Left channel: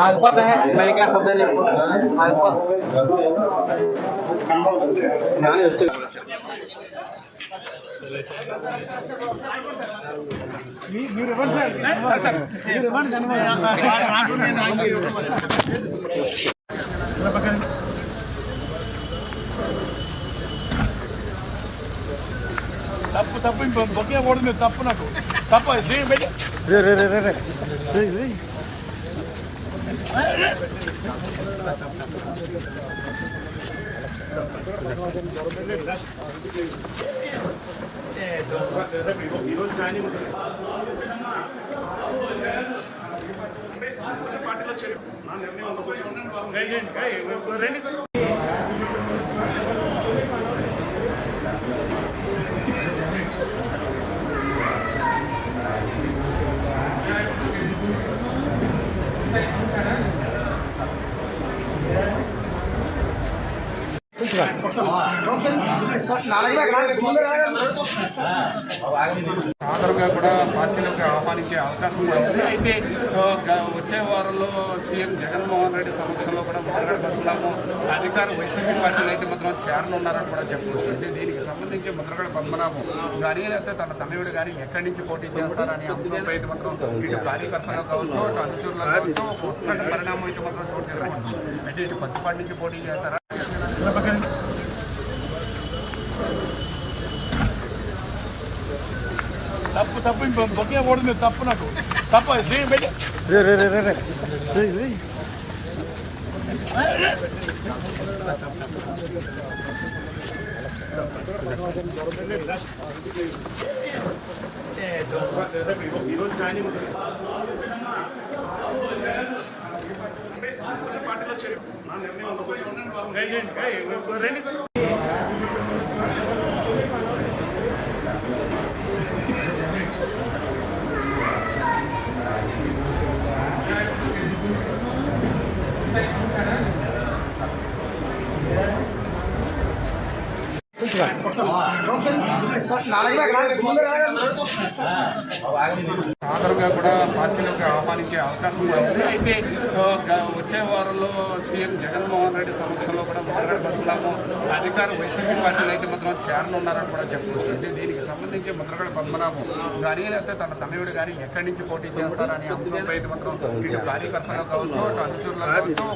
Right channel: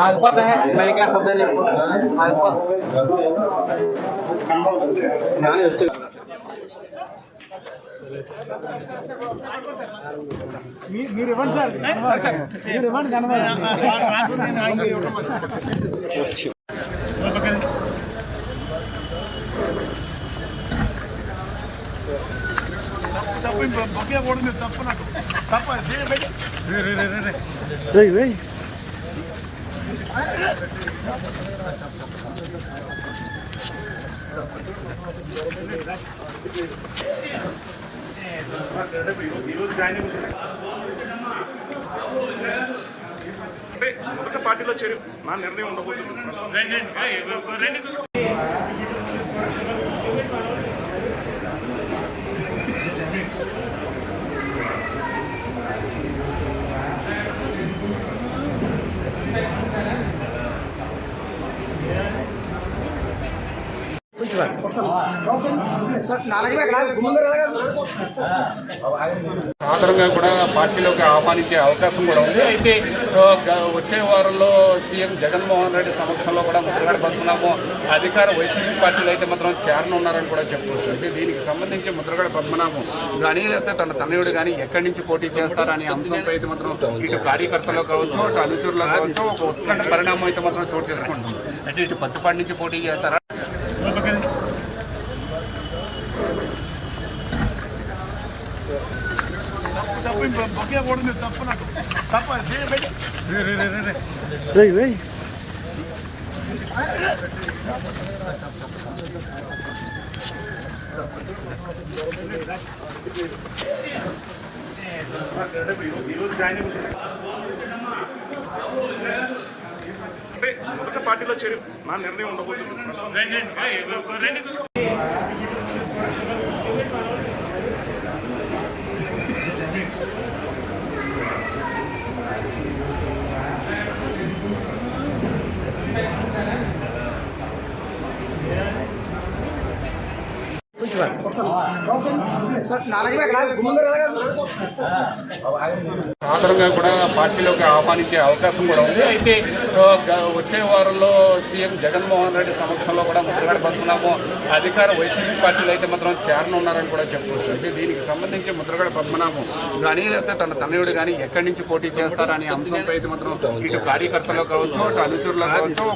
आलपत तो है मैंने क्या शब्द नहीं। आलपत మీరు తప్పు ఆగిపోతా తప్పు లేకపోతే ఆగిపోతా కొత్త పార్టీలో చేరి నా నిర్ణయం ఉండబోతుంది కూడా పార్టీలోకి ఆహ్వానించే అవకాశం కూడా ఉంది. అయితే వచ్చే వారంలో సీఎం జగన్మోహన్ రెడ్డి సమక్షంలో కూడా ముద్రగడ అధికార వైసీపీ పార్టీలో అయితే మాత్రం చేరనున్నారని కూడా చెప్తున్నారు దీనికి సంబంధించి ముద్రగడ పద్మనాభం కానీ లేకపోతే తన తనయుడు కానీ ఎక్కడి నుంచి పోటీ చేస్తారని అంశంపై అయితే మాత్రం ఇటు కార్యకర్తలు కావచ్చు ఇటు అనుచరులు కావచ్చు ఇట్లాంటి పరిణామం అయితే మాత్రం చోటు చేసుకుంటుంది. అంటే ఇటు పత్తిపాటి నుంచి పోటీ చేస్తారా ఈరోజు జాయిన్ అయిపోతుంది కొత్త పార్టీలో చేరి నా నిర్ణయం ఉండబోతుంది. సాధారణంగా కూడా పార్టీలోకి ఆహ్వానించే అవకాశం కూడా ఉంది. అయితే వచ్చే వారంలో సీఎం జగన్మోహన్ రెడ్డి సమక్షంలో కూడా ముద్రగడ అధికార వైసీపీ పార్టీలో అయితే మాత్రం చేరనున్నారని కూడా చెప్తున్నారు దీనికి సంబంధించి ముద్రగడ పద్మనాభం కానీ లేకపోతే తన తనయుడు కానీ ఎక్కడి నుంచి పోటీ చేస్తారని అంశంపై అయితే మాత్రం ఇటు కార్యకర్తలు కావచ్చు ఇటు అనుచరులు కావచ్చు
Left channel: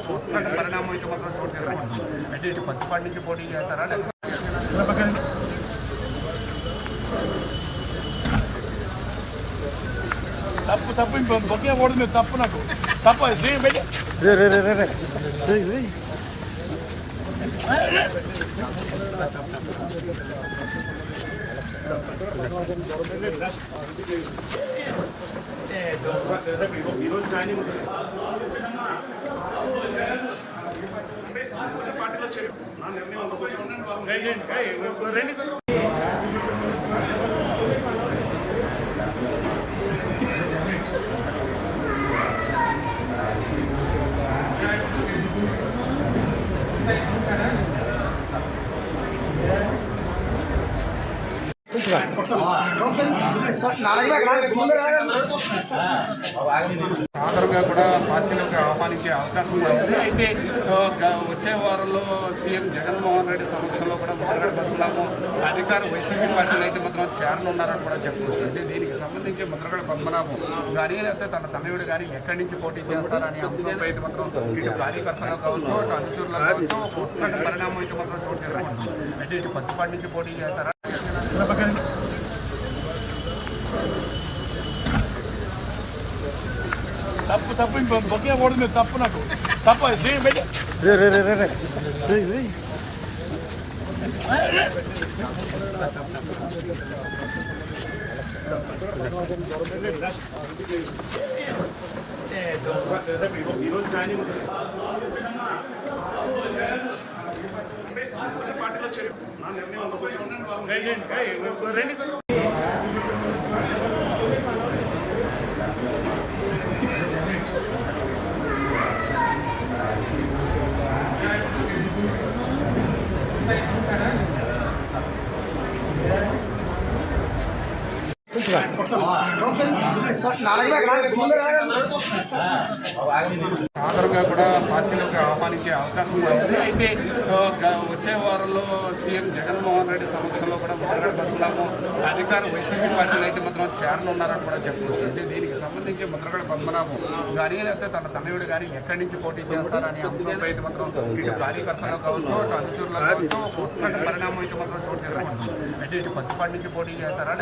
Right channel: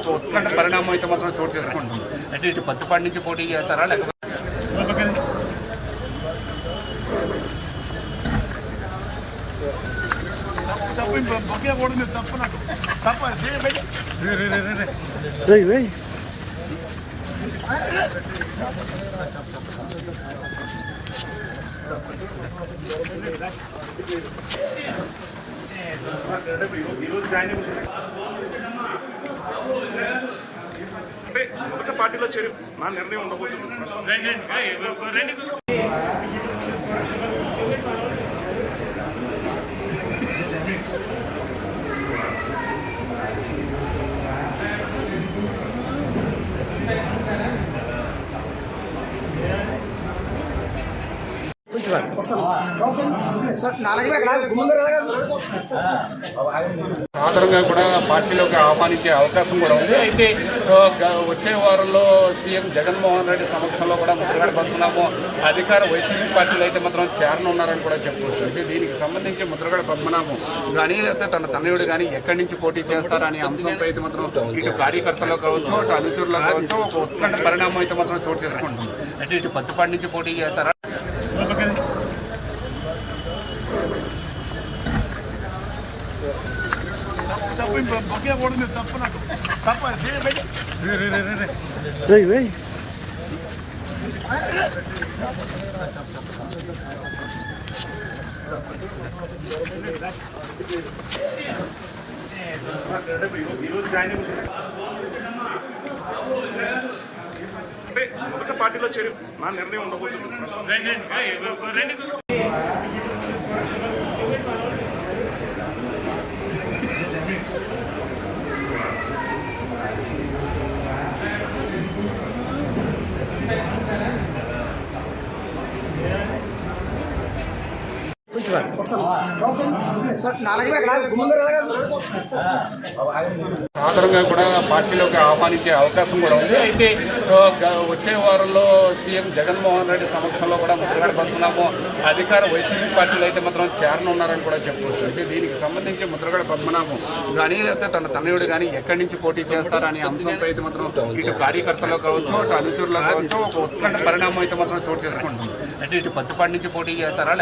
పరిణామం అయితే మాత్రం చోటు చేసుకుంటుంది. అంటే ఇటు పత్తిపాటి నుంచి పోటీ చేస్తారా లేకపోతే ఈరోజు జాయిన్ అయిపోతుంది కొత్త పార్టీలో చేరి. నా నిర్ణయం ఉండబోతుంది. అందరుగా కూడా పార్టీలోకి ఆహ్వానించే అవకాశం కూడా ఉంది. అయితే వచ్చే వారంలో సీఎం జగన్మోహన్ రెడ్డి సమక్షంలో కూడా ముద్రగడ అధికార వైసీపీ పార్టీలో అయితే మాత్రం చేరనున్నారని కూడా చెప్పుకోవచ్చు. దీనికి సంబంధించి ముద్రగడ పద్మనాభం కానీ లేకపోతే తన తనయుడు కానీ ఎక్కడి నుంచి పోటీ చేస్తారని అంశంపై అయితే మాత్రం ఇటు కార్యకర్తలు కావచ్చు అటు అనుచరులు కావచ్చు పరిణామం అయితే మాత్రం చోటు చేసుకుంటుంది. అంటే ఇటు పత్తిపాటి నుంచి పోటీ చేస్తారా? ఈరోజు జాయిన్ అయిపోతుంది అంటే కొత్త పార్టీలో చేరు నా నిర్ణయం ఉండబోతుంది సాధారణంగా కూడా పార్టీలోకి ఆహ్వానించే అవకాశం కూడా ఉంది. అయితే వచ్చే వారంలో సీఎం జగన్మోహన్ రెడ్డి సమక్షంలో కూడా ముద్రగడబడుతున్నాము అధికార వైసీపీ పార్టీలో అయితే మాత్రం చేరనున్నారని కూడా చెప్పుకోవచ్చు. అంటే దీనికి సంబంధించి ముద్రగడ పద్మనాభం కానీ లేకపోతే తన తనయుడు కానీ ఎక్కడి నుంచి పోటీ చేస్తారని అంశంపై అయితే మాత్రం ఇటు కార్యకర్తలు కావచ్చు ఇటు అనుచరులు కావచ్చు పరిణామం అయితే మాత్రం చోటు చేసుకుంటుంది. అంటే ఇటు పత్తిపాటి నుంచి పోటీ చేస్తారా